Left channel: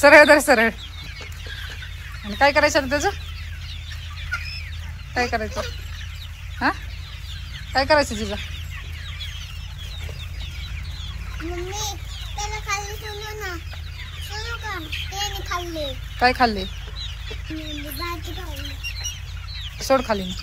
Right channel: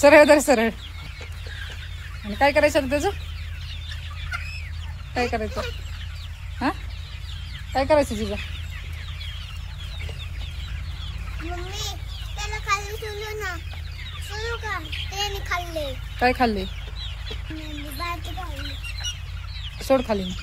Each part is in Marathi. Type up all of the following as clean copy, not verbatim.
सरळ धर सरळ. आणि काय करायचं त्याचं? काय करायचं? हा काय करायचं तुझं? काय खाल्ले? सोड खाली ना.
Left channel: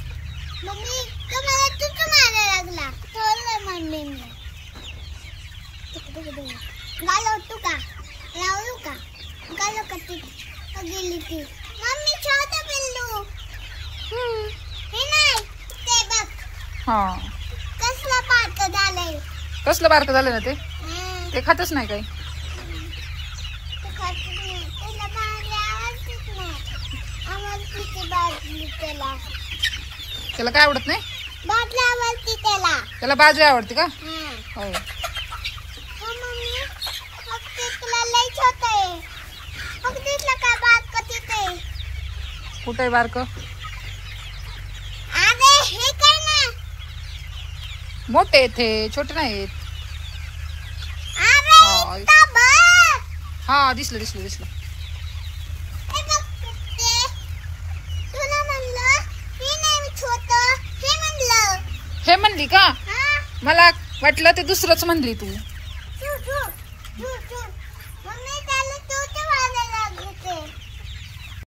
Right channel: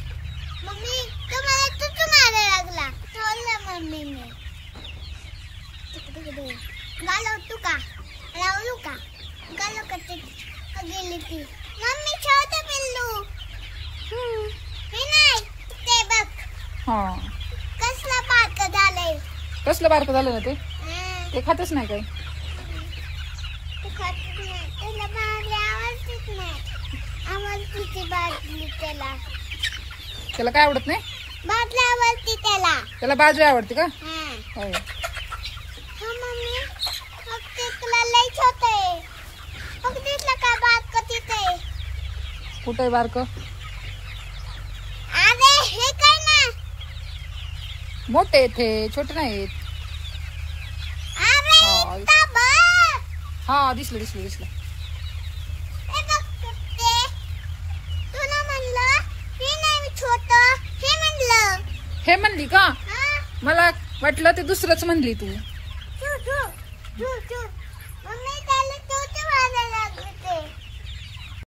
गेली ती मम्मी छोटा पिल्लू हे नाही ते बघ. हा कसला बारकं झालंय. कसलं बारकं झालं ना ते? ते खातच नाही काही. त्याला बाजली आवडतीच नाही. आवडती बाजली त्याला. त्याला काय आवडत नाही? बाजली आवडती त्याला. त्याला बाजरी आवडते का? हो. मम्मी फक्त तुला लई छोटा आहे. फक्त दिसला का बारकं तिथे? कुठे बारकं? अरे हे काय ना मोठे येते छोटे नाहीत. अरे हा दिसलं दिसलं दिसलं. तुला म्हणलं हे नाही छोटं हे म्हणलं. हे म्हणली का? मला वाटलं ते दुसरंच म्हणली तू.